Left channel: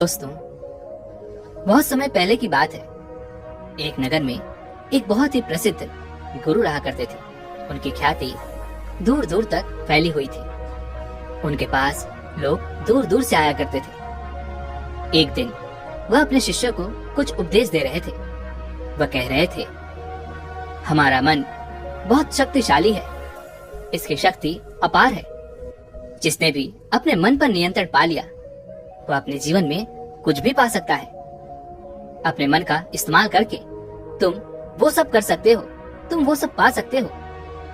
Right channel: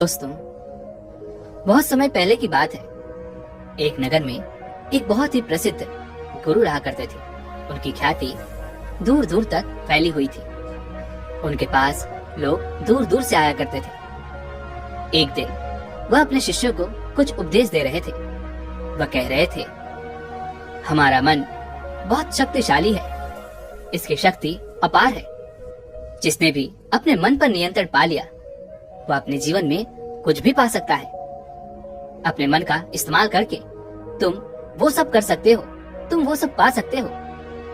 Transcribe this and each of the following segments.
दोस्तों, बहुत समय पहले की बात है। एक नगर में एक बहुत ही प्रसिद्ध गुरु रहा करते थे। उनकी ख्याति दूर दूर तक फैली हुई थी। उनके पास लोग दूर दूर से आया करते थे। एक दिन वह अपने शिष्यों को कुछ उपदेश दे रहे थे। वह कह रहे थे, हमारा मन बहुत शक्तिशाली है, इसकी शक्ति अपार है। जिसने भी अपने मन पर नियंत्रण पा लिया तो अपने जीवन में कुछ भी पा सकता है। अपने मन का इस्तेमाल करके तुम वो सब कर सकते हो, तुम वो सब पा सकते हो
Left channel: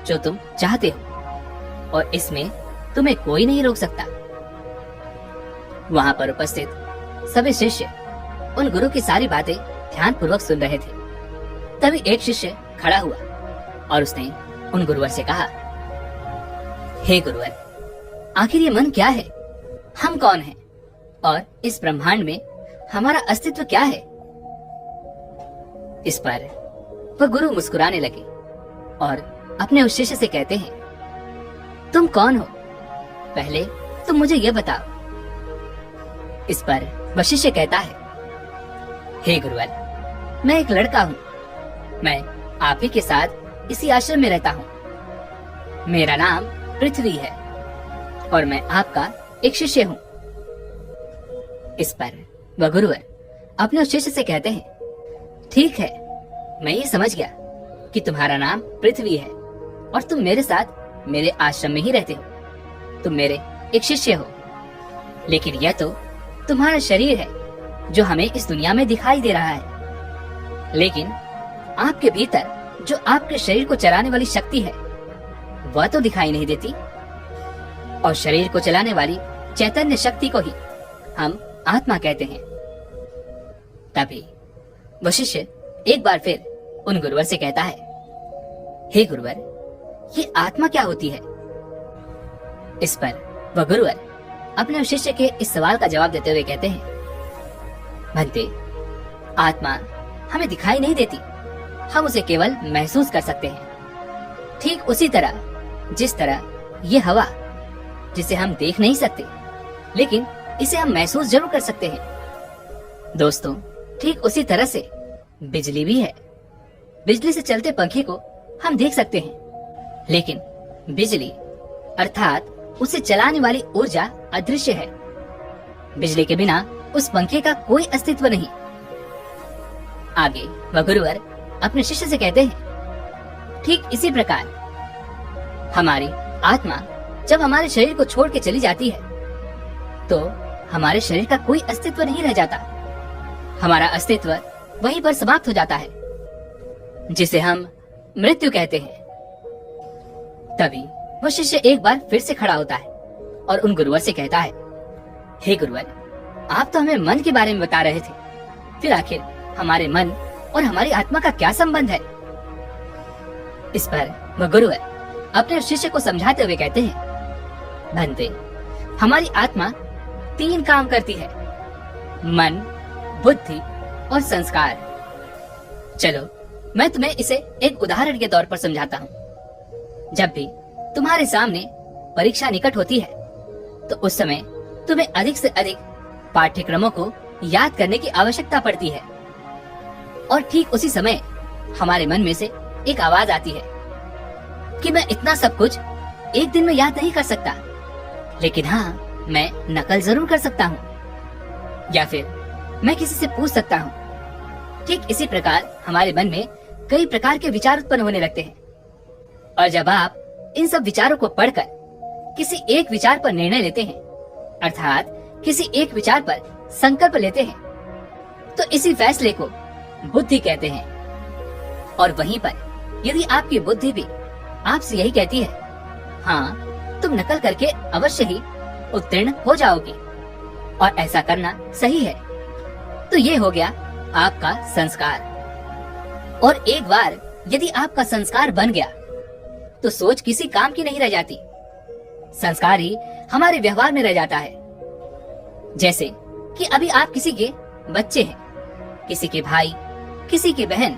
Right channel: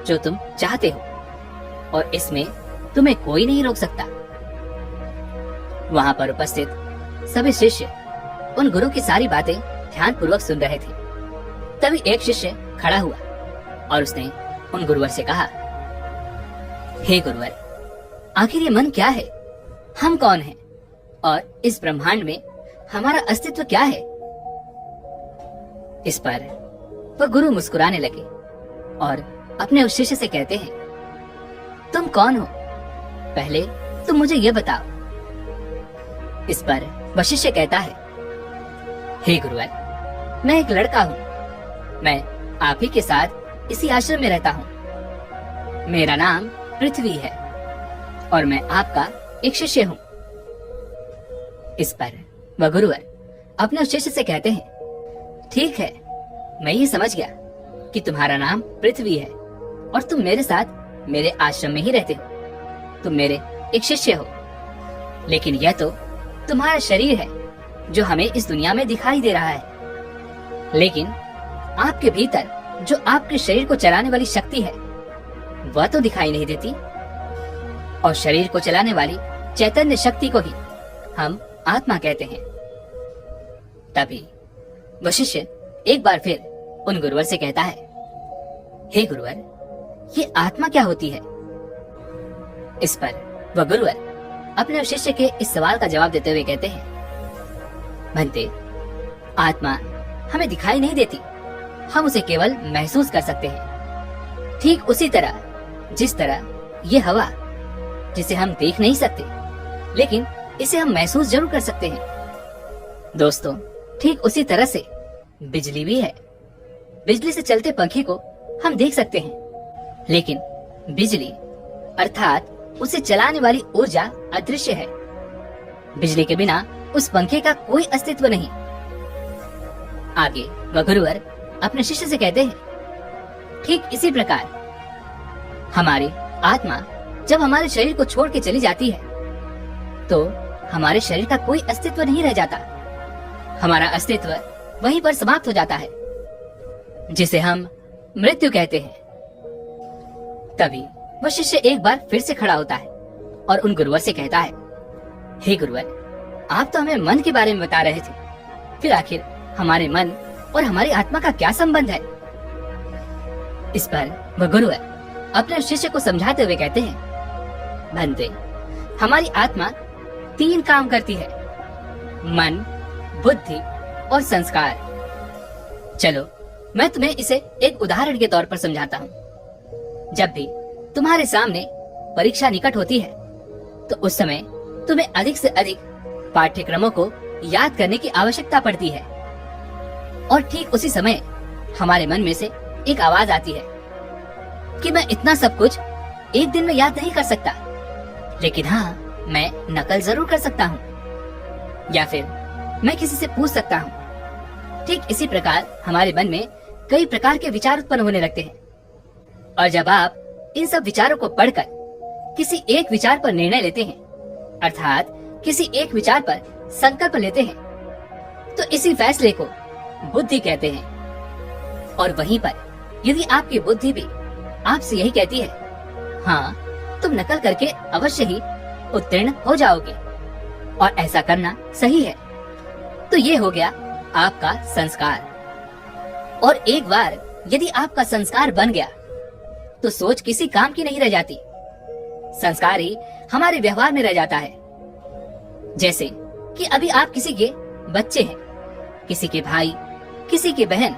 जो तुम चाहते हो, और इसमें तुम्हें कोई नहीं रोक सकता। वहां पर उपस्थित सभी शिष्य उन गुरु की सारी बातें ध्यानपूर्वक सुन रहे थे। तभी एक शिष्य खड़ा हुआ और उसने उन गुरुवर से कहा, हे गुरुवर, आखिर ये मन क्या है? हम कौन हैं? और इस ब्रह्मांड में हमारा अस्तित्व क्या है? इस पर वह गुरु मुस्कुराने लगे और अपने उस शिष्य से कहते हैं, तुम कौन हो? पहले तुम मुझे यह बताओ। इस पर वह शिष्य कहता है, हे गुरुवर, मैं एक लड़का हूँ। मैं आप ही के साथ इसी आश्रम में रहता हूँ। मेरा नाम पृथ्वी है और मैं आपका एक शिष्य हूँ। इस पर वह गुरुवर अपने उस शिष्य से कहते हैं, ठीक है, मैं ये समझ गया कि तुम्हारा नाम पृथ्वी है और तुम मेरे साथ मेरे आश्रम में ही रहते हो। तुम मेरे एक शिष्य हो, लेकिन यह तो तुम्हारा शरीर है जो हमें इस दुनिया में दिखाई दे रहा है। लेकिन आपके भीतर जो आपके शरीर को चलाने वाली शक्ति है वह तो दिखाई नहीं देती। और शरीर को चलाने वाली चैतन्य शक्ति को ही हम आत्मा कहते हैं। तभी वह शिष्य एक बार फिर उन गुरुवर से कहता है, हे गुरुवर, ये आत्मा क्या होती है? इस पर वह गुरुवर अपने शिष्य के इस सवाल का जवाब देते हुए कहते हैं, भंते, आत्मा हमें दिखाई नहीं देती, हम उसे केवल महसूस कर सकते हैं। ठीक उसी तरह जिस तरह ये हवा, जिसे हम देख नहीं सकते लेकिन इसे हम महसूस जरूर कर सकते हैं। दोस्तों, ठीक उसी तरह से बिजली भी है। बिजली से चलते पंखे को हम देख सकते हैं, लेकिन बिजली अर्थात उसे चलाने वाली ऊर्जा अदृश्य है। बिजली के बिना उस पंखे का कोई अस्तित्व नहीं। आगे वह गुरुवर अपने शिष्य से कहते हैं, ठीक इसी प्रकार हमारी आत्मा जब हमारे शरीर को छोड़ के चली जाती है तो हमारे शरीर का कोई अस्तित्व नहीं रह जाता। हमारा अस्तित्व वहीं पर समाप्त हो जाता है, जिसे हम मृत्यु कहते हैं। तभी वह शिष्य एक बार फिर से खड़ा होता है और उन गुरुवर से कहता है, हे गुरुवर, आप तो हमें मन के बारे में बता रहे थे, फिर आखिर हमारे मन और हमारी आत्मा का क्या संबंध है? इस पर वह गुरुवर अपने शिष्य को समझाते हुए कहते हैं, भंते, हमारी आत्मा 3 काम करती है, मन, बुद्धि और संस्कार। चलो मैं तुम्हें इसे एक उदाहरण के तौर पर समझाता हूँ। जब भी तुम्हारे सामने परीक्षा निकट होती है तो उस समय तुम्हें अधिक से अधिक पाठ्यक्रमों को याद करने की आवश्यकता पड़ती है। और ठीक उसी समय हमारे मन में से एक आवाज आती है कि मैं इतना सब कुछ एक दिन में याद नहीं कर सकता, लेकिन हाँ, मैं नकल जरूर कर सकता हूँ, या फिर मैं किसी से पूछ सकता हूँ। ठीक इसी प्रकार हमारे मन में कई प्रकार के विचार उत्पन्न होने लगते हैं, और जब आप इन सब विचारों को पढ़कर किसी एक विचार पर निर्णय लेते हैं, अर्थात किसी एक विचार पर संकल्प लेते हैं, तो इसी फैसले को बुद्धि कहते हैं। और वहीं पर यदि आपकी बुद्धि भी आपसे यही कहती है, हाँ, तुम नकल करके अवश्य ही उत्तीर्ण हो जाओगे और ऐसा करना सही है, तो ये हो गया आपका संस्कार। और एक बार यदि आपका संस्कार बन गया तो सोच किसी काम की नहीं रह जाती। संस्कार ही हमारे व्यवहार में रह जाता है। जैसे कि अभी आप किसी के बच्चे हैं, किसी के भाई, किसी की बहन,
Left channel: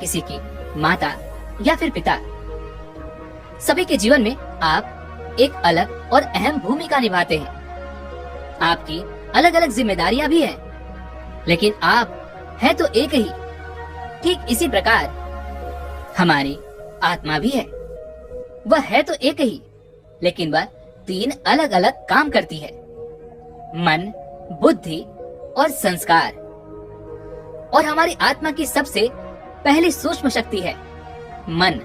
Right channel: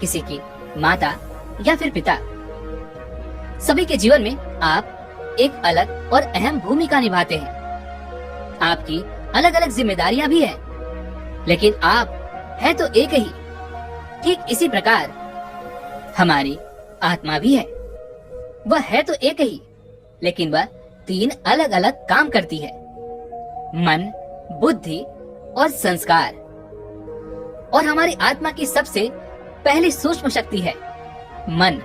किसी की माता या फिर पिता। सभी के जीवन में आप एक अलग और अहम भूमिका निभाते हैं। आपकी अलग अलग जिम्मेदारियां भी है, लेकिन आप है तो एक ही। ठीक इसी प्रकार हमारी आत्मा भी है, वह है तो एक ही, लेकिन वह 3 अलग अलग काम करती है, मन, बुद्धि और संस्कार। और हमारी आत्मा की सबसे पहली सूक्ष्म शक्ति है मन,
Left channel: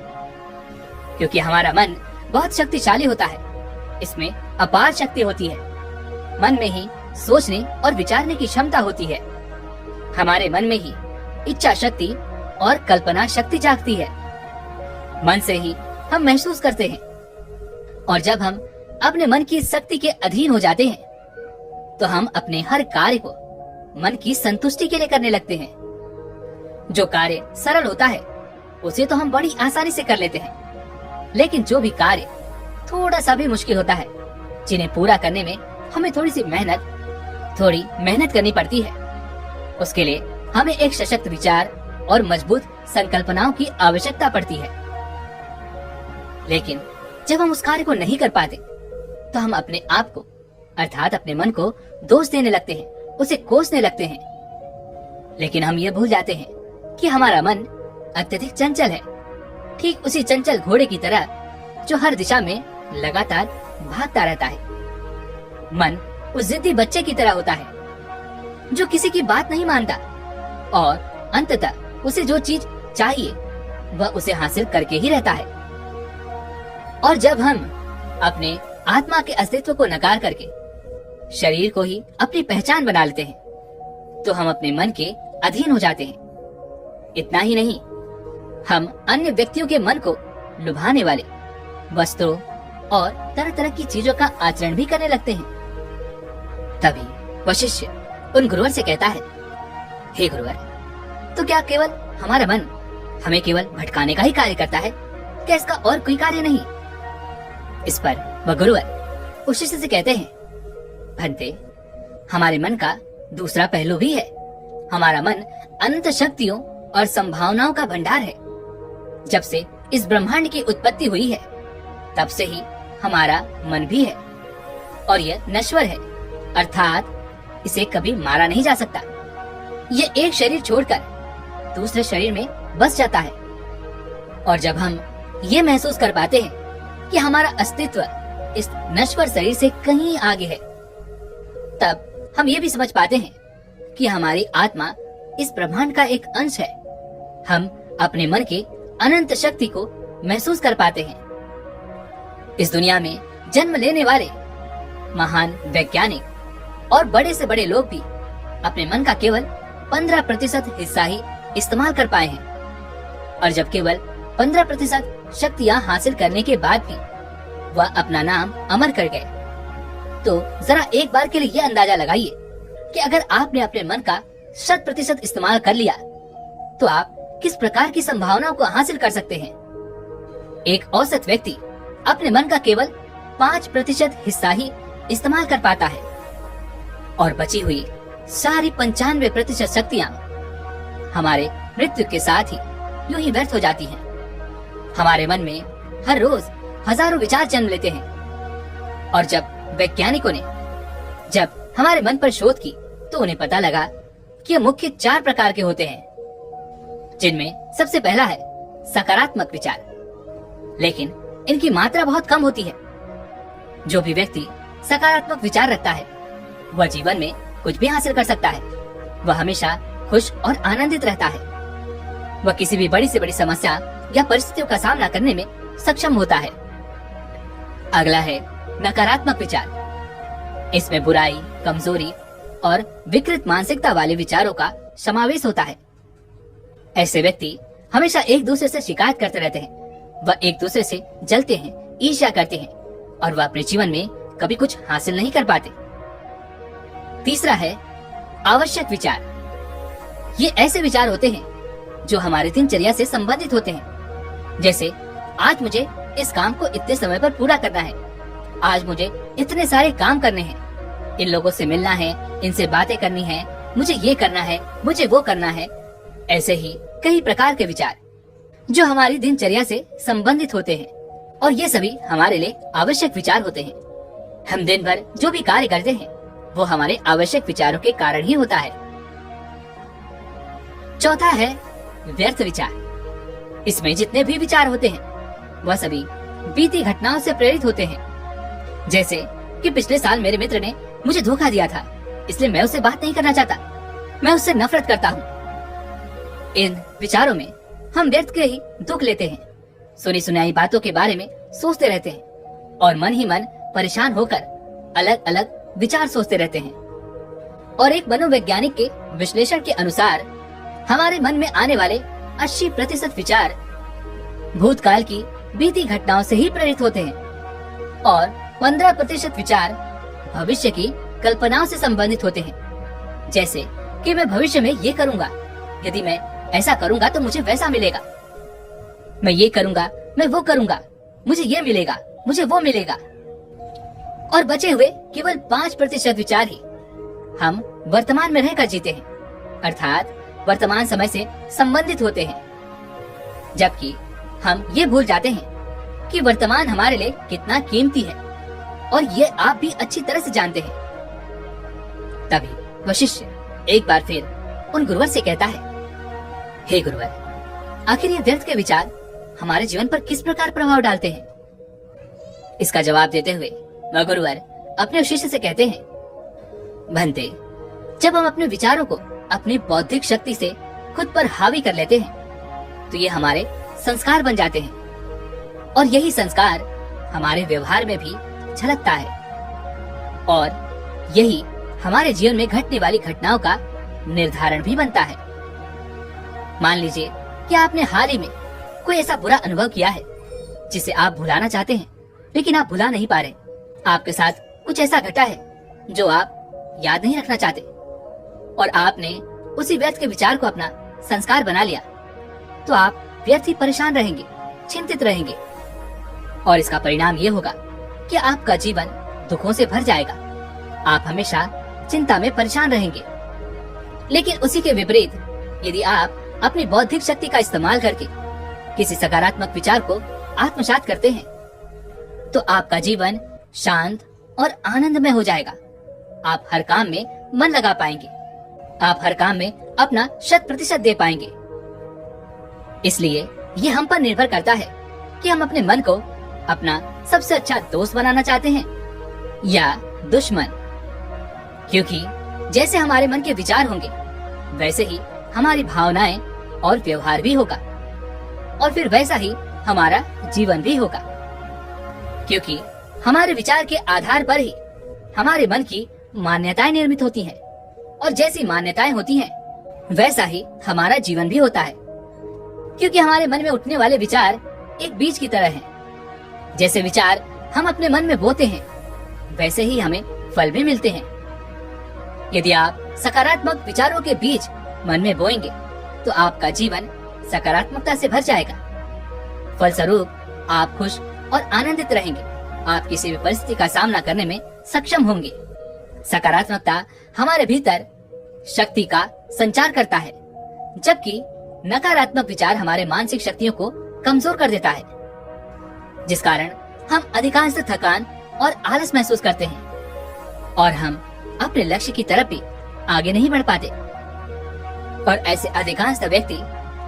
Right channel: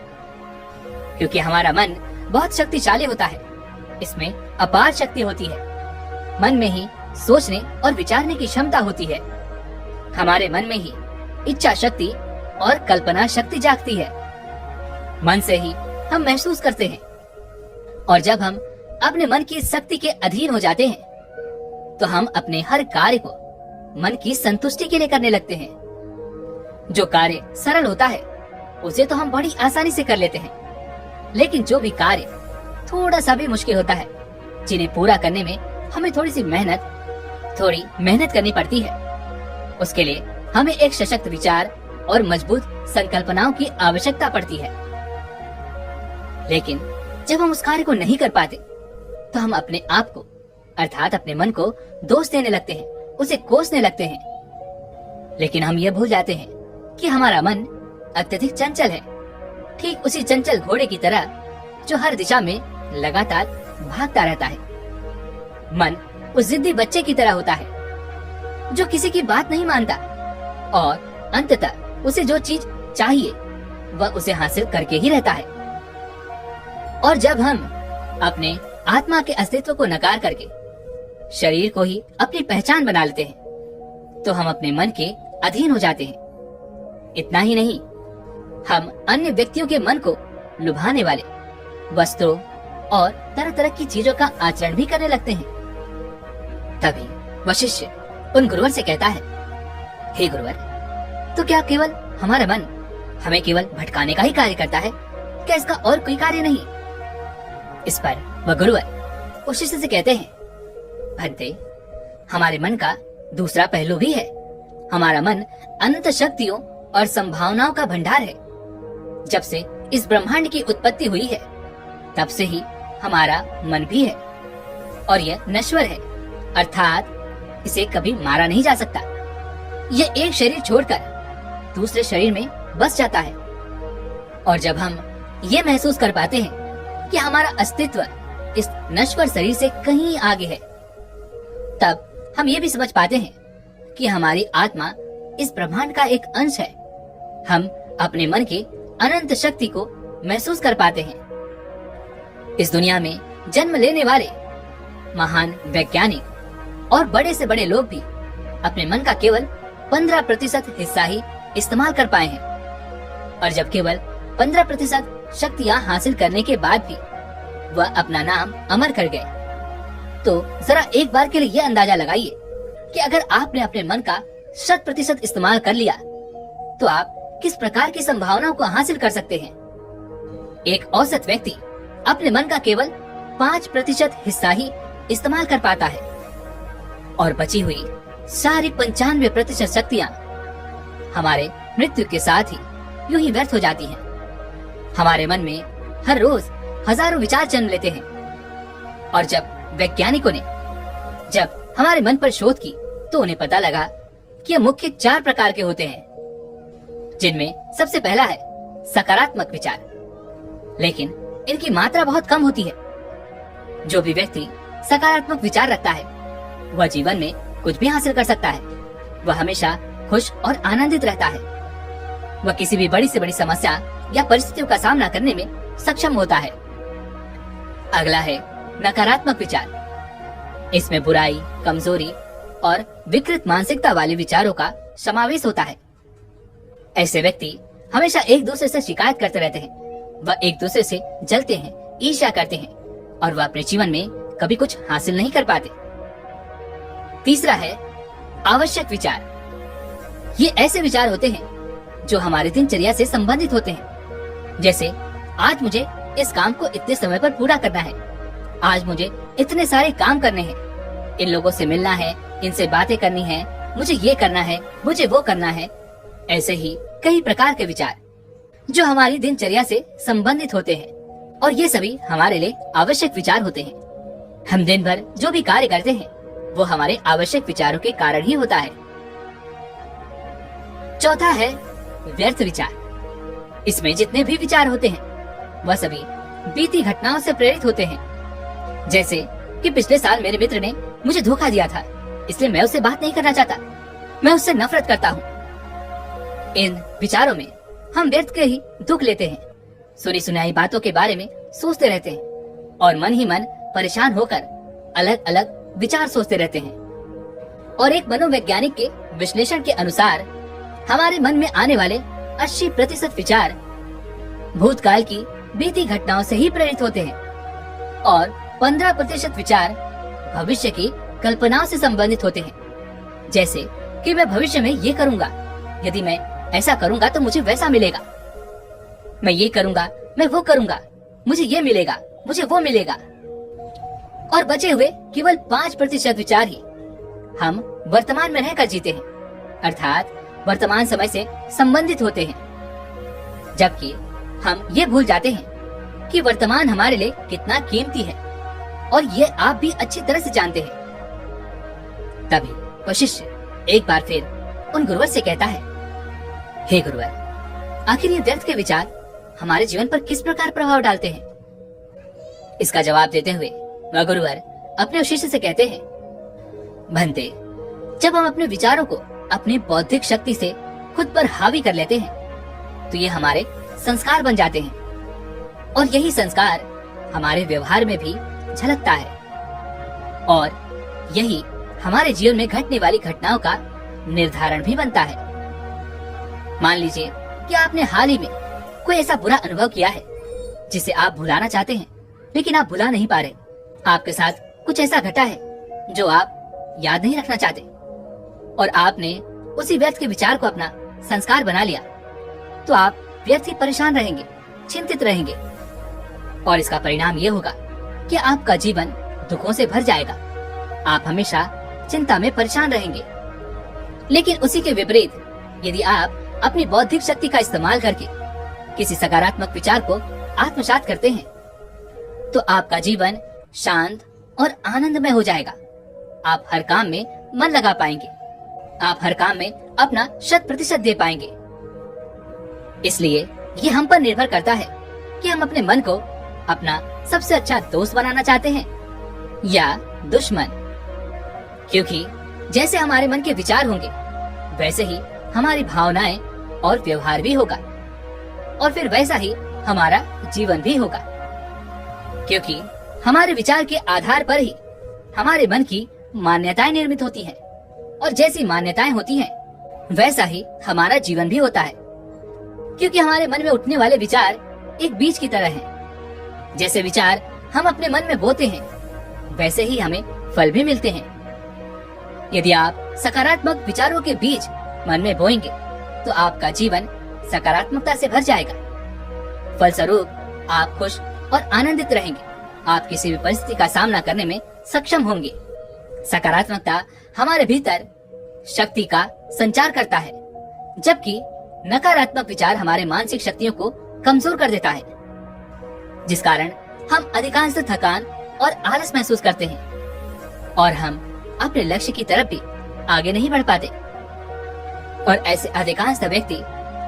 क्योंकि हमारा मन बहुत शक्तिशाली होता है, इसमें अपार शक्ति होती है। मन में ही सोचने और विचारने की क्षमता होती है। हमारे मन में ही इच्छा शक्ति और कल्पना शक्ति जागती है। मन से ही हम महसूस करते हैं, और जब हम अपने मन की शक्ति के अधीन हो जाते हैं तो हम अपने हर कार्य को मन की संतुष्टि के लिए करने लगते हैं। जो कार्य सरल होता है उसे तो हम बड़ी आसानी से कर लेते हैं, लेकिन जो भी कार्य थोड़ा सा भी मुश्किल होता है, जिन्हें पूरा करने में हमें थोड़ी मेहनत करनी पड़ती है, उसके लिए हमें एक सशक्त विचार और मजबूत संकल्पनाओं की आवश्यकता पड़ती है। लेकिन जब हम उस कार्य को नहीं कर पाते तो हम अपने आप को अर्थात अपने मन को दोष देने लगते हैं, उसे कोसने लगते हैं। लेकिन हम ये भूल जाते हैं कि हमारा मन अत्यधिक चंचल है, ठीक उसी चंचल घोड़े की तरह जो हर दिशा में लगातार भागता रहता है। मन उस जिद्दी बच्चे की तरह होता है जो किसी की बात नहीं मानता, और अंततः उसे जो चीज चाहिए वह उसे हासिल करके ही रहता है। और जब हम अपने आत्मा के अस्तित्व को नकार करके शरीर को ही अपनी पहचान बना लेते हैं तो हम अपने मन के अधीन हो जाते हैं। इतना ही नहीं, हम अन्य व्यक्तियों के मन को लुभाने वाले वस्त्रों और तरह तरह की चीजों का आचरण भी करने लगते हैं। तभी वह शिष्य उन गुरुवर से कहता है, हे गुरुवर, तो क्या केवल हमारा मन हमें केवल भटकाने का ही कार्य करता है? क्या इसका और कोई कार्य नहीं? इस पर वह गुरुवर उस शिष्य से कहते हैं, भंते, हमारे मन का दूसरा पहलू भी है। हमारा मन अनंत शक्तियों और संभावनाओं का भंडार है। जब से इस ब्रह्मांड की उत्पत्ति हुई है तब से ही हमारा मन भी है, और यह नश्वर है, अर्थात इसे कभी मारा नहीं जा सकता। यह एक शरीर छोड़कर दूसरे शरीर में बस जाता है। और जब हम ये महसूस कर पाते हैं कि हमारा अस्तित्व इस नश्वर शरीर से कहीं आगे है, तब हम ये भी समझ पाते हैं कि हमारी आत्मा इस ब्रह्मांड का एक अंश है। हम अपने मन के अनंत शक्ति को महसूस कर पाते हैं। इस दुनिया में जन्म लेने वाले महान वैज्ञानिक और बड़े से बड़े लोग भी अपने मन का केवल 15% हिस्सा ही इस्तेमाल कर पाए हैं। और जब केवल 15% शक्तियां हासिल करने के बाद भी वह अपना नाम अमर कर गए, तो जरा एक बार के लिए यह अंदाजा लगाइए कि अगर आपने अपने मन का 100% इस्तेमाल कर लिया तो आप किस प्रकार की संभावनाओं को हासिल कर सकते हैं। एक औसत व्यक्ति अपने मन का केवल 5% हिस्सा ही इस्तेमाल कर पाता है, और बची हुई सारी 95% शक्तियाँ हमारे मृत्यु के साथ ही यूं ही व्यर्थ हो जाती हैं। हमारे मन में हर रोज हजारों विचार जन्म लेते हैं, और जब वैज्ञानिकों ने जब हमारे मन पर शोध की तो उन्हें पता लगा कि यह मुख्य 4 प्रकार के होते हैं, जिनमें सबसे पहला है सकारात्मक विचार, लेकिन इनकी मात्रा बहुत कम होती है। जो भी व्यक्ति सकारात्मक विचार रखता है वह जीवन में कुछ भी हासिल कर सकता है। वह हमेशा खुश और आनंदित रहता है। वह किसी भी बड़ी से बड़ी समस्या या परिस्थितियों का सामना करने में सक्षम होता है। अगला है नकारात्मक विचार। इसमें बुराई, कमजोरी और विकृत मानसिकता वाले विचारों का समावेश होता है। ऐसे व्यक्ति हमेशा एक दूसरे से शिकायत करते रहते हैं। वह एक दूसरे से जलते हैं, ईर्ष्या करते हैं, और वह अपने जीवन में कभी कुछ हासिल नहीं कर पाते। तीसरा है आवश्यक विचार। ये ऐसे विचार होते हैं जो हमारे दिनचर्या से संबंधित होते हैं, जैसे आज मुझे इस काम को इतने समय पर पूरा करना है, आज मुझे इतने सारे काम करने हैं, इन लोगों से मिलना है, इनसे बातें करनी है, मुझे ये करना है, मुझे वो करना है। ऐसे ही कई प्रकार के विचार जो हमारी दिनचर्या से संबंधित होते हैं, और ये सभी हमारे लिए आवश्यक विचार होते हैं। हम दिन भर जो भी कार्य करते हैं वो हमारे आवश्यक विचारों के कारण ही होता है। चौथा है व्यर्थ विचार। इसमें जितने भी विचार होते हैं वह सभी बीती घटनाओं से प्रेरित होते हैं। जैसे कि पिछले साल मेरे मित्र ने मुझे धोखा दिया था, इसलिए मैं उससे बात नहीं करना चाहता, मैं उससे नफरत करता हूँ। इन विचारों में हम व्यर्थ के ही दुख लेते हैं, सुनी सुनाई बातों के बारे में सोचते रहते हैं और मन ही मन परेशान होकर अलग अलग विचार सोचते रहते हैं। और एक मनोवैज्ञानिक के विश्लेषण के अनुसार हमारे मन में आने वाले 80% विचार भूतकाल की बीती घटनाओं से ही प्रेरित होते हैं और 15% विचार भविष्य की कल्पनाओं से संबंधित होते हैं। जैसे कि मैं भविष्य में ये करूंगा, यदि मैं ऐसा करूंगा तो मुझे वैसा मिलेगा, मैं ये करूंगा, मैं वो करूंगा, मुझे ये मिलेगा, मुझे वो मिलेगा। और बचे हुए केवल 5% विचार ही हम वर्तमान में रहकर जीते हैं, अर्थात वर्तमान समय से संबंधित होते हैं। जबकि हम ये भूल जाते हैं कि वर्तमान हमारे लिए कितना कीमती है और ये आप भी अच्छी तरह से जानते हैं। तभी वह शिष्य एक बार फिर उन गुरुवर से कहता है, हे गुरुवर, आखिर ये व्यर्थ के विचार हमारे जीवन पर किस प्रकार प्रभाव डालते हैं? इसका जवाब देते हुए वह गुरुवर अपने शिष्य से कहते हैं, भंते, जब हम अपने विचारों को अपनी बौद्धिक शक्ति से खुद पर हावी कर लेते हैं तो ये हमारे संस्कार बन जाते हैं और यही संस्कार हमारे व्यवहार में भी झलकता है और यही हमारे जीवन में घटने वाली घटनाओं का निर्धारण भी बनता है। मान लीजिए कि आपने हाल ही में कोई ऐसा बुरा अनुभव किया है जिसे आप भुलाना चाहते हैं, लेकिन आप भुला नहीं पा रहे। आपके साथ कुछ ऐसा घटा है जो आप याद नहीं रखना चाहते और आपने उसी व्यर्थ के विचार को अपना संस्कार बना लिया, तो आप व्यर्थ ही परेशान रहेंगे, चिंतित रहेंगे और इसका परिणाम ये होगा कि आपका जीवन दुखों से भर जाएगा। आप हमेशा चिंता में परेशान रहेंगे। लेकिन उसी के विपरीत यदि आप अपनी बौद्धिक शक्ति का इस्तेमाल करके किसी सकारात्मक विचार को आत्मसात करते हैं तो आपका जीवन शांत और आनंदमय हो जाएगा। आप हर काम में मन लगा पाएंगे, आप हर काम में अपना 100% दे पाएंगे। इसलिए ये हम पर निर्भर करता है कि हम अपने मन को अपना सबसे अच्छा दोस्त बनाना चाहते हैं या दुश्मन। क्योंकि जैसे हमारे मन के विचार होंगे वैसे ही हमारी भावनाएं और व्यवहार भी होगा और फिर वैसा ही हमारा जीवन भी होगा। क्योंकि हमारे विचार के आधार पर ही हमारे मन की मान्यताएं निर्मित होती हैं और जैसी मान्यताएं होती हैं वैसा ही हमारा जीवन भी होता है। क्योंकि हमारे मन में उठने वाले विचार एक बीज की तरह हैं। जैसे विचार हम अपने मन में बोते हैं वैसे ही हमें फल भी मिलते हैं। यदि आप सकारात्मक विचारों के बीज मन में बोएंगे तो आपका जीवन सकारात्मकता से भर जाएगा। फलस्वरूप आप खुश और आनंदित रहेंगे। आप किसी भी परिस्थिति का सामना करने में सक्षम होंगे। सकारात्मकता हमारे भीतर शक्ति का संचार करता है, जबकि नकारात्मक विचार हमारे मानसिक शक्तियों को कमजोर कर देता है, जिस कारण हम अधिकांश थकान और आलस महसूस करते हैं और हम अपने लक्ष्य की तरफ भी आगे नहीं बढ़ पाते। और ऐसे अधिकांश व्यक्ति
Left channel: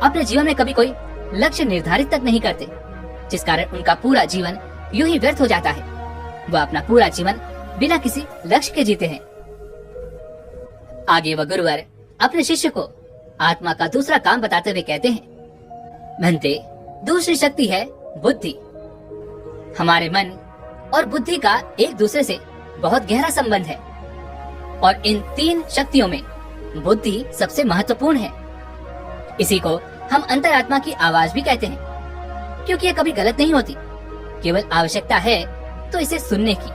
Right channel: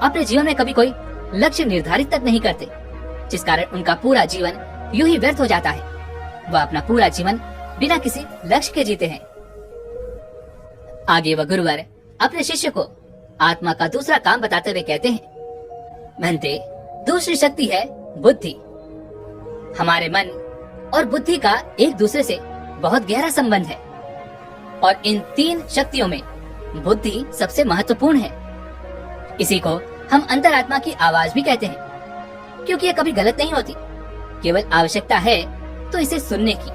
अपने जीवन में कभी कोई लक्ष्य निर्धारित तक नहीं करते, जिस कारण उनका पूरा जीवन यूं ही व्यर्थ हो जाता है। वह अपना पूरा जीवन बिना किसी लक्ष्य के जीते हैं। आगे वह गुरुवर अपने शिष्य को आत्मा का दूसरा काम बताते हुए कहते हैं, भंते, दूसरी शक्ति है बुद्धि। हमारे मन और बुद्धि का एक दूसरे से बहुत गहरा संबंध है और इन 3 शक्तियों में बुद्धि सबसे महत्वपूर्ण है। इसी को हम अंतरात्मा की आवाज भी कहते हैं, क्योंकि ये कभी गलत नहीं होती, केवल आवश्यकता है तो इसे सुनने की।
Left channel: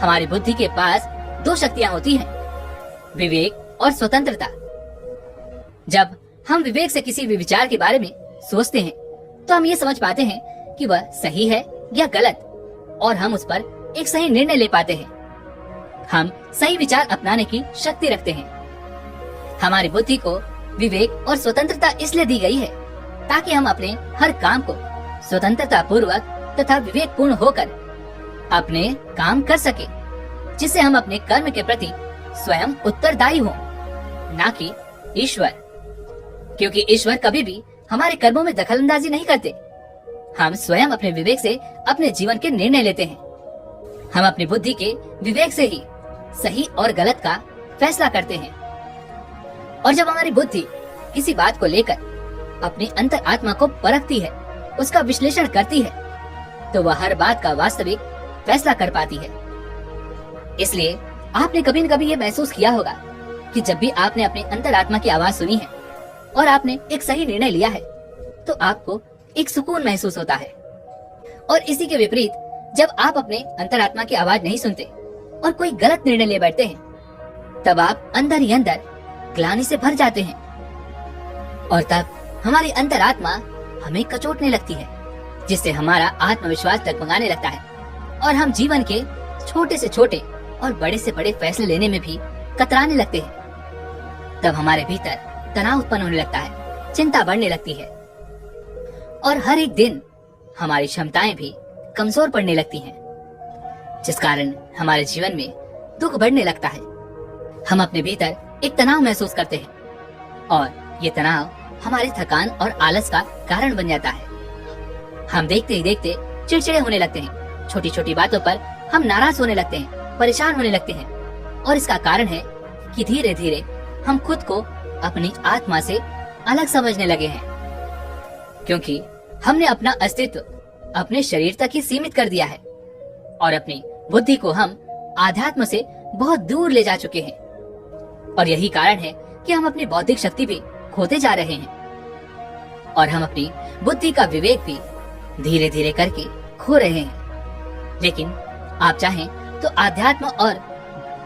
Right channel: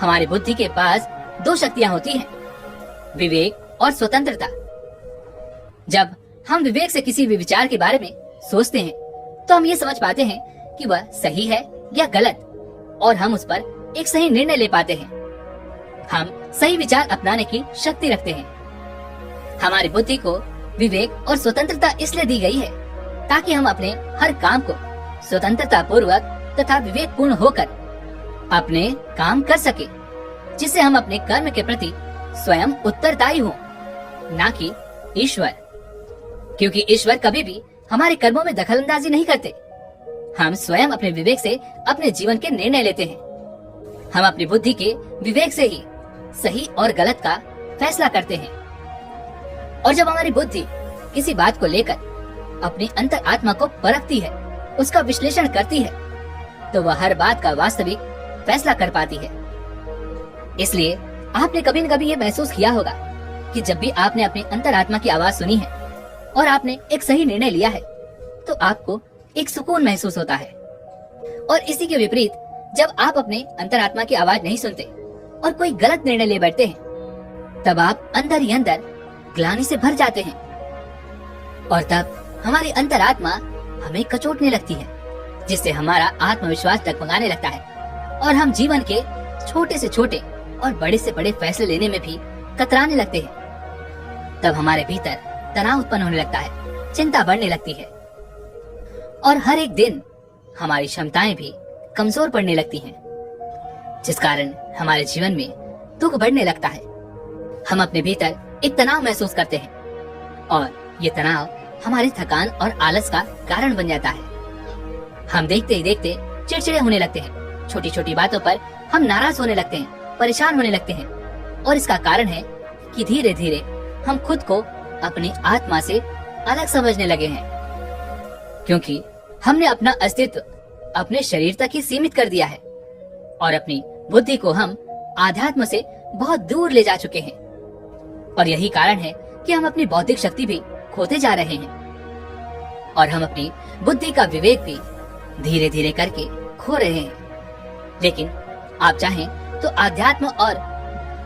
हमारी बुद्धि के पास 2 शक्तियां होती हैं, विवेक और स्वतंत्रता। जब हम विवेक से किसी भी विचार के बारे में सोचते हैं तो हम ये समझ पाते हैं कि वह सही है या गलत और हम उस पर एक सही निर्णय ले पाते हैं। हम सही विचार अपनाने की शक्ति रखते हैं। हमारी बुद्धि को विवेक और स्वतंत्रता इसलिए दी गई है ताकि हम अपने हर काम को स्वतंत्रता पूर्वक तथा विवेक पूर्ण होकर अपने काम कर सके। जिससे हम अपने कर्म के प्रति स्वयं उत्तरदायी हों, ना कि ईश्वर। क्योंकि ईश्वर कभी भी हमारे कर्मों में दखलंदाजी नहीं करते। हम स्वयं अपने विवेक से अपने जीवन के निर्णय लेते हैं। हम अपनी बुद्धि के विवेक से ही सही और गलत का फैसला करते हैं। और जब हमारी बुद्धि किसी बात को लेकर अपनी अंतर आत्मा को परखती है, उसका विश्लेषण करती है, तो वह हर बात का वास्तविक फैसला कर पाती है। इसलिए आपने कभी न कभी ये महसूस किया होगा कि जब भी आपने अपनी अंतरात्मा की आवाज सुनी है और आपने एक सही निर्णय लिया है, तो आपको एक सुकून महसूस होता है। और इसी के विपरीत, जब आप अपने अंतरात्मा की आवाज नहीं सुनते और कोई गलत निर्णय ले बैठते हैं, तब आप अंदर ही अंदर ग्लानि से भर जाते हैं। और तब हमारी अंतरात्मा हमें कचोटने लगती है, जिससे हमारा आत्मविश्वास डगमगाने लगता है और हम जीवन के छोटे से छोटे और बड़े से बड़े फैसले लेने में भी कतराने लगते हैं। तब हमारे भीतर तनाव उत्पन्न होने लगता है, चिंता बढ़ने लगती है और हर एक दिन हमारी क्षमताएं भी कमजोर पड़ने लगती हैं, जिस कारण हमारे जीवन में दुख बढ़ने लगता है। हम अपने भीतर एक तनाव महसूस करते हैं और ये तनाव हमारे थकान और आलस का कारण बन जाता है। हम देखते ही देखते चिड़चिड़े होने लगते हैं, छोटी छोटी बातों पर हम नाराज होने लगते हैं, परेशान होने लगते हैं। और इसका कारण है कि धीरे धीरे हम खुद को अपनी आत्मा से अलग समझने लगे हैं, क्योंकि हमने अपना अस्तित्व अपने शरीर तक ही सीमित कर दिया है और अपनी बुद्धि को हम आध्यात्म से बहुत दूर ले जा चुके हैं। और यही कारण है कि हम अपनी बौद्धिक शक्ति भी खोते जा रहे हैं और हम अपनी बुद्धि का विवेक भी धीरे धीरे करके खो रहे हैं। लेकिन आप चाहें तो आध्यात्म और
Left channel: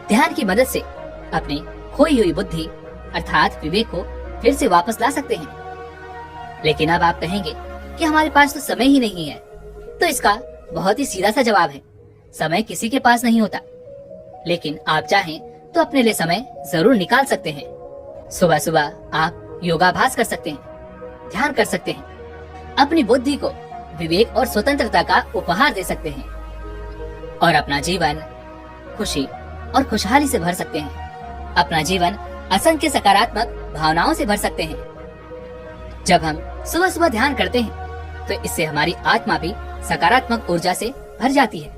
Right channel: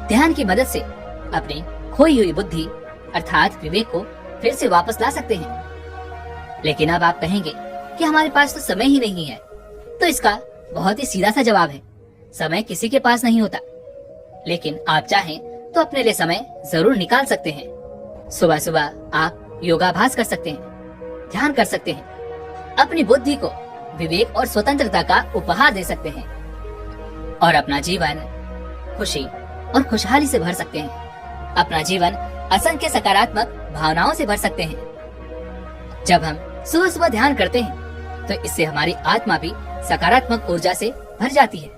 ध्यान की मदद से अपनी खोई हुई बुद्धि अर्थात विवेक को फिर से वापस ला सकते हैं। लेकिन अब आप कहेंगे कि हमारे पास तो समय ही नहीं है। तो इसका बहुत ही सीधा सा जवाब है, समय किसी के पास नहीं होता। लेकिन आप चाहें तो अपने लिए समय जरूर निकाल सकते हैं। सुबह सुबह आप योगाभ्यास कर सकते हैं, ध्यान कर सकते हैं, अपनी बुद्धि को विवेक और स्वतंत्रता का उपहार दे सकते हैं और अपना जीवन खुशी और खुशहाली से भर सकते हैं। अपना जीवन असंख्य सकारात्मक भावनाओं से भर सकते हैं। जब हम सुबह सुबह ध्यान करते हैं तो इससे हमारी आत्मा भी सकारात्मक ऊर्जा से भर जाती है।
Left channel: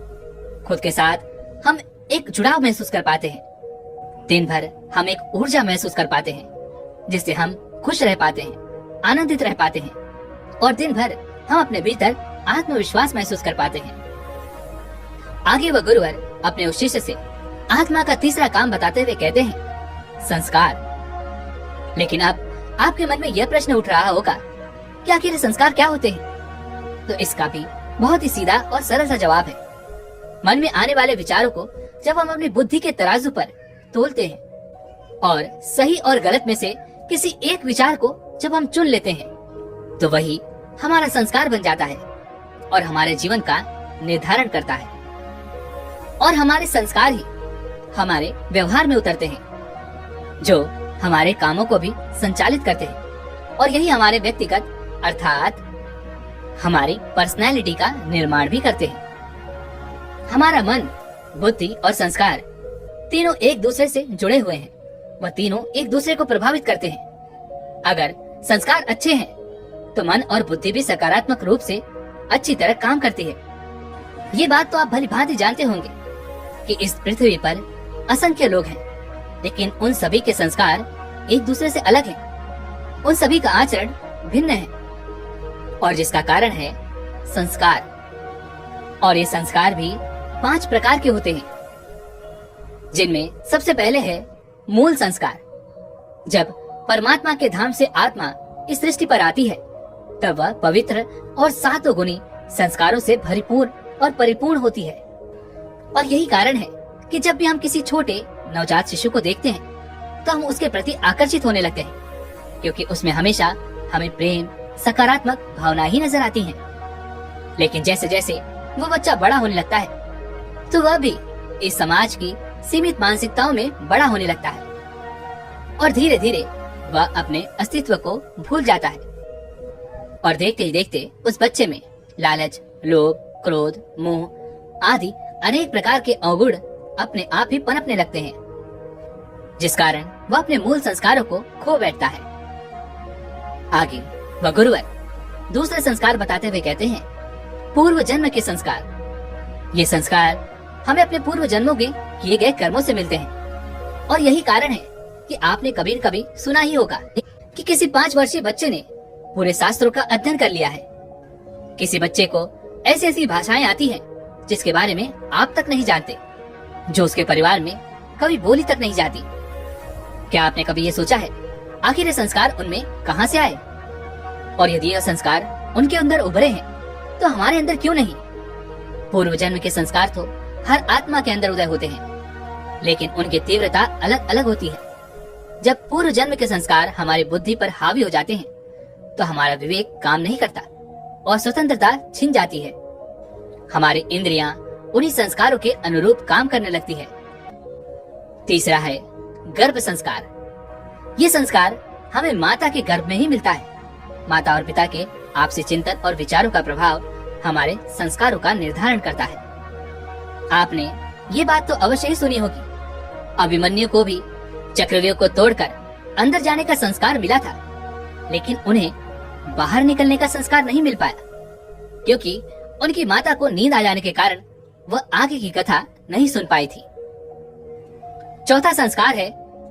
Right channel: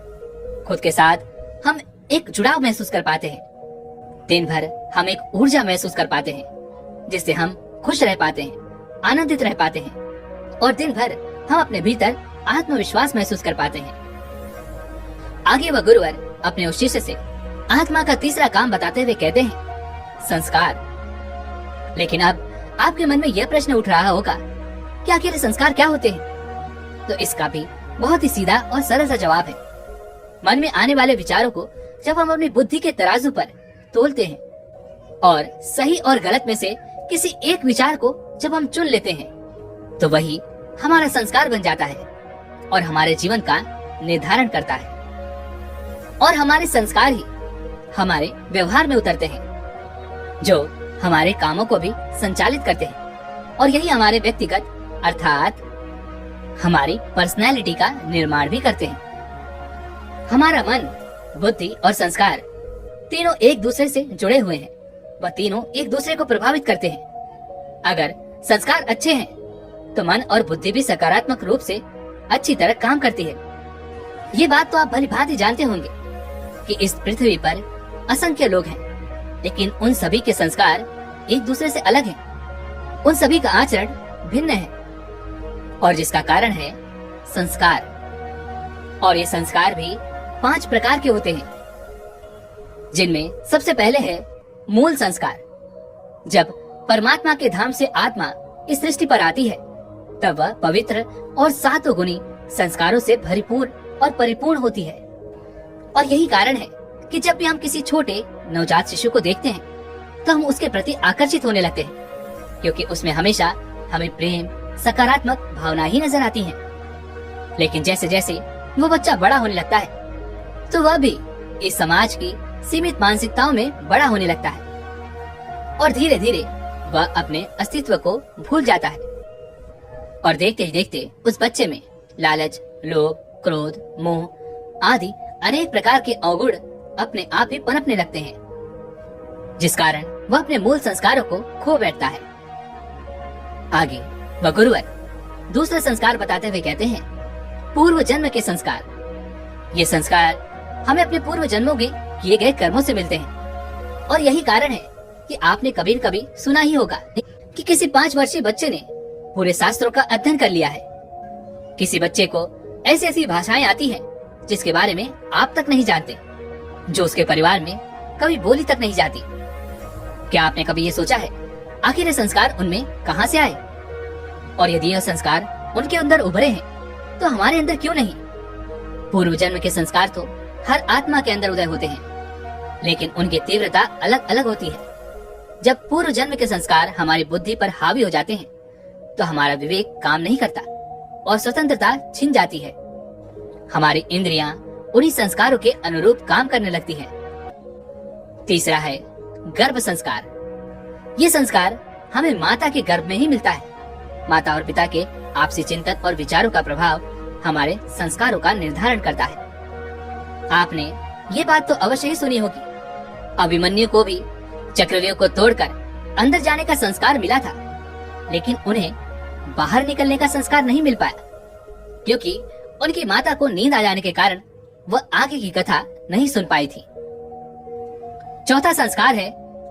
खुद के साथ हम एक जुड़ाव महसूस कर पाते हैं। दिन भर हम एक ऊर्जा महसूस कर पाते हैं, जिससे हम खुश रह पाते हैं, आनंदित रह पाते हैं और दिन भर हम अपने भीतर आत्मविश्वास महसूस कर पाते हैं। आगे वह गुरुवर अपने उस शिष्य से आत्मा का तीसरा काम बताते हुए कहते हैं, संस्कार। लेकिन अब आपके मन में यह प्रश्न उठ रहा होगा कि आखिर संस्कार क्या होते हैं? तो इसका भी बहुत ही सीधा और सरल सा जवाब है। मन में आने वाले विचारों को जब हम अपनी बुद्धि के तराजू पर तोलते हैं और सही और गलत में से किसी एक विचार को जब हम चुन लेते हैं, तो वही हमारा संस्कार बन जाता है और हमारे जीवन का निर्धारण करता है। और हमारे संस्कार ही हमारे व्यवहार में उतरते हैं, जो हमारे कामों को भी संचालित करते हैं और यही हमारे व्यक्तिगत अर्थात हमारी पर्सनैलिटी का निर्माण भी करते हैं। हमारा मन, बुद्धि और संस्कार तीनों एक दूसरे से जुड़े हुए हैं। वह तीनों एक दूसरे को प्रभावित करते हैं। अगर संस्कार अच्छे हैं तो मन और बुद्धि भी सकारात्मक रूप से अच्छी तरह काम करती है। ये बात तो आप भली भांति जानते होंगे कि इस पृथ्वी पर असंख्य लोग हैं, लेकिन उन सभी के संस्कार एक दूसरे से अलग हैं। उन सभी का आचरण भिन्न है और जिसका कारण है संस्कार। और ये संस्कार भी 5 प्रकार के होते हैं, जिनमें सबसे पहले है मूल संस्कार। जब परमात्मा के धाम से आत्मा इस सृष्टि पर आती है, तब वह पवित्र और सातों गुणी संस्कारों से भरपूर और परिपूर्ण होती है। और यही कारण है कि जब भी हम किसी छोटे नवजात शिशु को देखते हैं तो हम उसके प्रति आकर्षित होने लगते हैं, क्योंकि उसमें हमेशा हमें प्रेम, सकारात्मक भावना ही नजर आती हैं। लेकिन जैसे जैसे वो बच्चा बड़ा होने लगता है तो वह भी इस समाज की सीमित मानसिकताओं में बड़ा होने लगता है और धीरे धीरे वह अपने अस्तित्व को भूल जाता है। और देखते ही देखते उस बच्चे में लालच, लोभ, क्रोध, मोह आदि अनेक प्रकार के अवगुण अपने आप ही पनपने लगते हैं, जिस कारण वह अपने मूल संस्कारों को खो बैठता है। आगे वह गुरुवर दूसरे संस्कार बताते हुए कहते हैं, पूर्व जन्म के संस्कार। ये संस्कार हमें अपने पूर्व जन्मों के किए गए कर्मों से मिलते हैं। और यही कारण है कि आपने कभी न कभी सुना ही होगा कि किसी 5 वर्षीय बच्चे ने पूरे शास्त्रों का अध्ययन कर लिया है। किसी बच्चे को ऐसी ऐसी भाषाएं आती हैं जिसके बारे में आप तक नहीं जानते, जो उसके परिवार में कभी बोली तक नहीं जाती। क्या आपने कभी ये सोचा है आखिर ये संस्कार उनमें कहां से आए? और यदि यह संस्कार उनके अंदर उभरे हैं तो हमारे अंदर क्यों नहीं? पूर्व जन्म के संस्कार तो हर आत्मा के अंदर उदय होते हैं, लेकिन उनकी तीव्रता अलग अलग होती है। जब पूर्व जन्म के संस्कार हमारी बुद्धि पर हावी हो जाते हैं तो हमारा विवेक काम नहीं करता और स्वतंत्रता छिन जाती है। हमारी इंद्रियां उन्हीं संस्कारों के अनुरूप काम करने लगती है। तीसरा है गर्भ संस्कार। ये संस्कार हमें माता के गर्भ में ही मिलता है। माता और पिता के आपसी चिंतन और विचारों का प्रभाव हमारे संस्कारों का निर्धारण करता है। आपने ये बात तो अवश्य ही सुनी होगी, अभिमन्यु को भी चक्रव्यूह को तोड़कर अंदर जाने का संस्कार मिला था, लेकिन उन्हें बाहर निकलने का संस्कार नहीं मिल पाया, क्योंकि उनकी माता को नींद आ जाने के कारण वह आगे की कथा नहीं सुन पाई थी। चौथा संस्कार है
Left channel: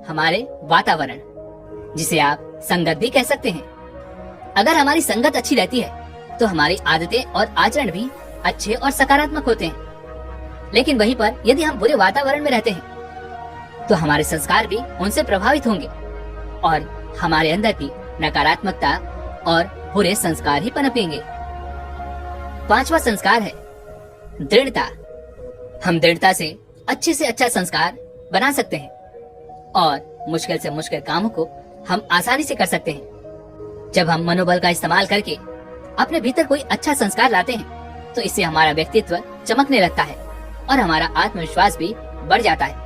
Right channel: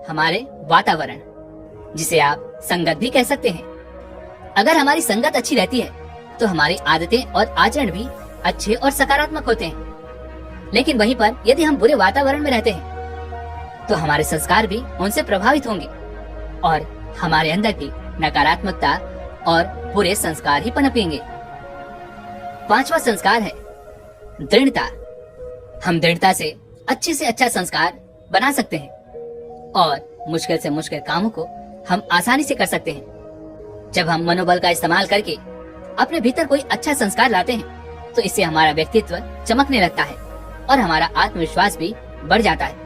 हमारे वातावरण, जिसे आप संगत भी कह सकते हैं। अगर हमारी संगत अच्छी रहती है तो हमारी आदतें और आचरण भी अच्छे और सकारात्मक होते हैं। लेकिन वहीं पर यदि हम बुरे वातावरण में रहते हैं तो हमारे संस्कार भी उनसे प्रभावित होंगे और हमारे अंदर भी नकारात्मकता और बुरे संस्कार ही पनपेंगे। पांचवा संस्कार है दृढ़ता। हम दृढ़ता से अच्छा संस्कार बना सकते हैं और मुश्किल से मुश्किल कामों को हम आसानी से कर सकते हैं। जब हम मनोबल का इस्तेमाल करके अपने भीतर कोई अच्छा संस्कार लाते हैं तो इससे हमारा व्यक्तित्व चमकने लगता है और हमारा आत्मविश्वास भी बढ़ जाता है।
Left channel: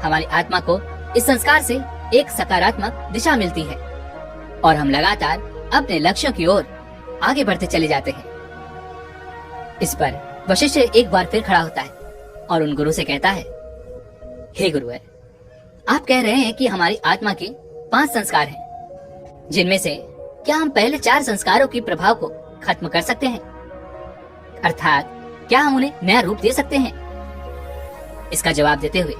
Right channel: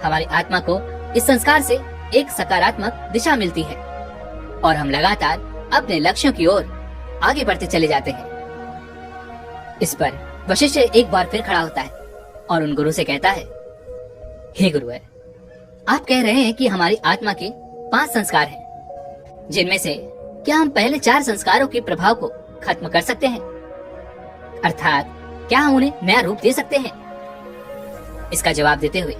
हमारी आत्मा को इस संस्कार से एक सकारात्मक दिशा मिलती है और हम लगातार अपने लक्ष्यों की ओर आगे बढ़ते चले जाते हैं। इस पर वशिष्ठ एक बार फिर खड़ा होता है और उन गुरु से कहता है, हे गुरुवर, आप कह रहे हैं कि हमारी आत्मा के 5 संस्कार हैं, जिनमें से क्या हम पहले 4 संस्कारों के प्रभाव को खत्म कर सकते हैं? अर्थात क्या हम उन्हें नया रूप दे सकते हैं? इसका जवाब देते हुए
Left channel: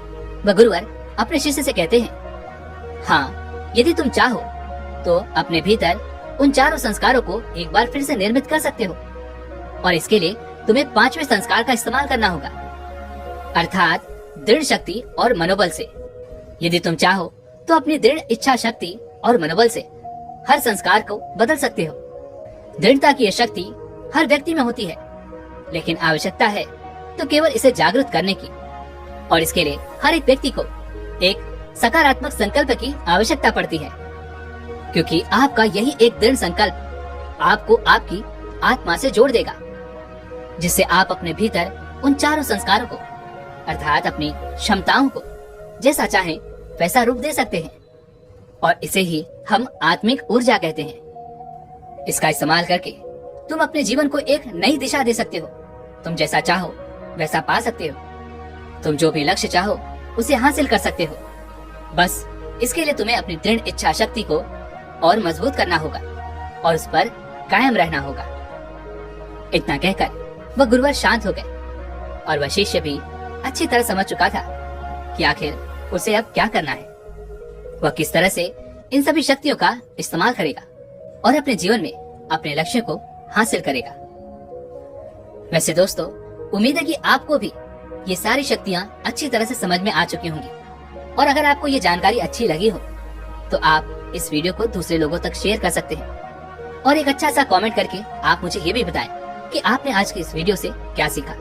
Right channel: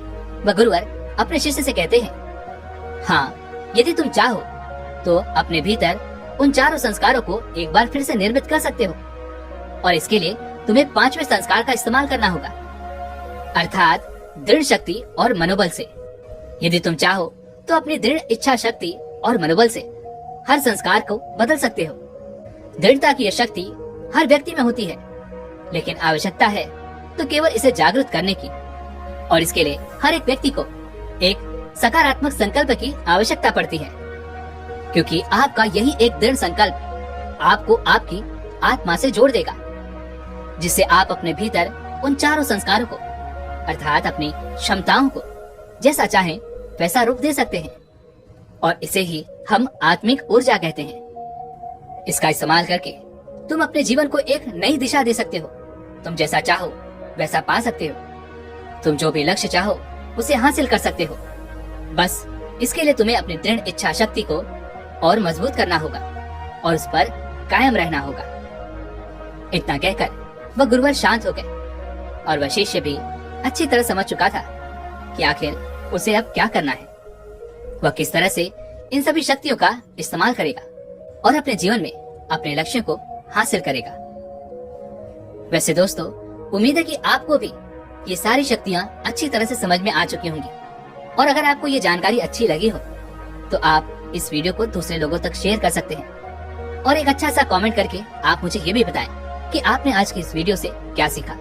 वह गुरुवर अपने शिष्य से कहते हैं, हाँ, यदि तुम चाहो तो अपने भीतर उन 4 संस्कारों को एक बार फिर से निर्मित कर सकते हो और इसके लिए तुम्हें 5वें संस्कार का इस्तेमाल करना होगा, अर्थात दृढ़ शक्ति और मनोबल से। यदि तुम चाहो तो अपनी दृढ़ इच्छा शक्ति और मनोबल से हर संस्कार को बदल सकते हो। दृढ़ता की यह शक्ति हर व्यक्ति में होती है, लेकिन आवश्यकता है तो केवल इसे जागृत करने की, और इसके लिए हर एक व्यक्ति को एक सकारात्मक संकल्प की आवश्यकता पड़ती है, क्योंकि आपका यही एक दृढ़ संकल्प आपको आपकी आत्मा से जोड़ देगा, जिससे आप अपने भीतर उन 4 संस्कारों को अर्थात अपनी क्षमताओं को जैसा चाहें वैसा रूप दे सकते हैं, और इसे ही हम आत्मिक ऊर्जा कहते हैं। इसका इस्तेमाल करके तुम अपने जीवन को एक नई दिशा दे सकते हो। तुम जैसा चाहो वैसा पा सकते हो। तुम जो भी लक्ष्य चाहो उसे हासिल कर सकते हो। बस इसके लिए तुम्हें अपनी दृढ़ इच्छा शक्ति को और मजबूत करना होगा और उस पर कायम रहना होगा। इतना कहकर वह गुरुवर शांत हो गए और वह शिष्य भी अच्छी तरह समझ चुका था कि आखिर उसे अब क्या करना है। वह किस तरह से इन सभी शक्तियों का इस्तेमाल करेगा और अपने जीवन में अपने लक्ष्य को हासिल करेगा। वैसे दोस्तों, उम्मीद है कि आपको भी ये सारी शक्तियाँ अच्छी तरह से समझ में आ चुकी होंगी, और अगर आपको ये जानकारी अच्छी लगी हो तो आप इस वीडियो को दूसरे लोगों तक शेयर कर सकते हैं और एक अच्छा सा कमेंट करके आप मुझे ये भी बताएं कि आपने आज की इस वीडियो से क्या सीखा।